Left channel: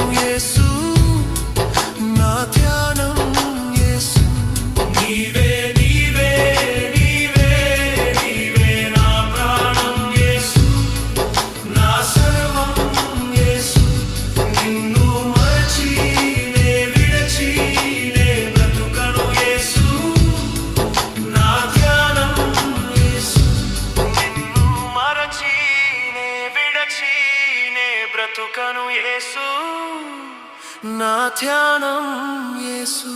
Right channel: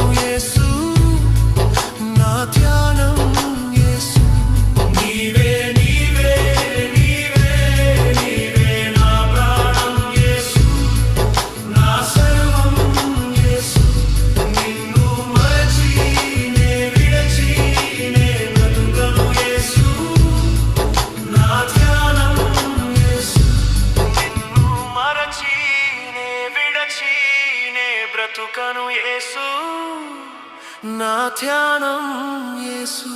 బ్రతుకను యేసు, నా ధ్యానం యేసు. నీవే నీవే నీవే నీవే నా ప్రాణం యేసు, నా సర్వం యేసు. నిన్ను మరచి నే విడచి నే బ్రతుకను యేసు, నా ధ్యానం యేసు. నిన్ను మరచి నే విడచి నే బ్రతుకను యేసు, నా ధ్యానం యేసు.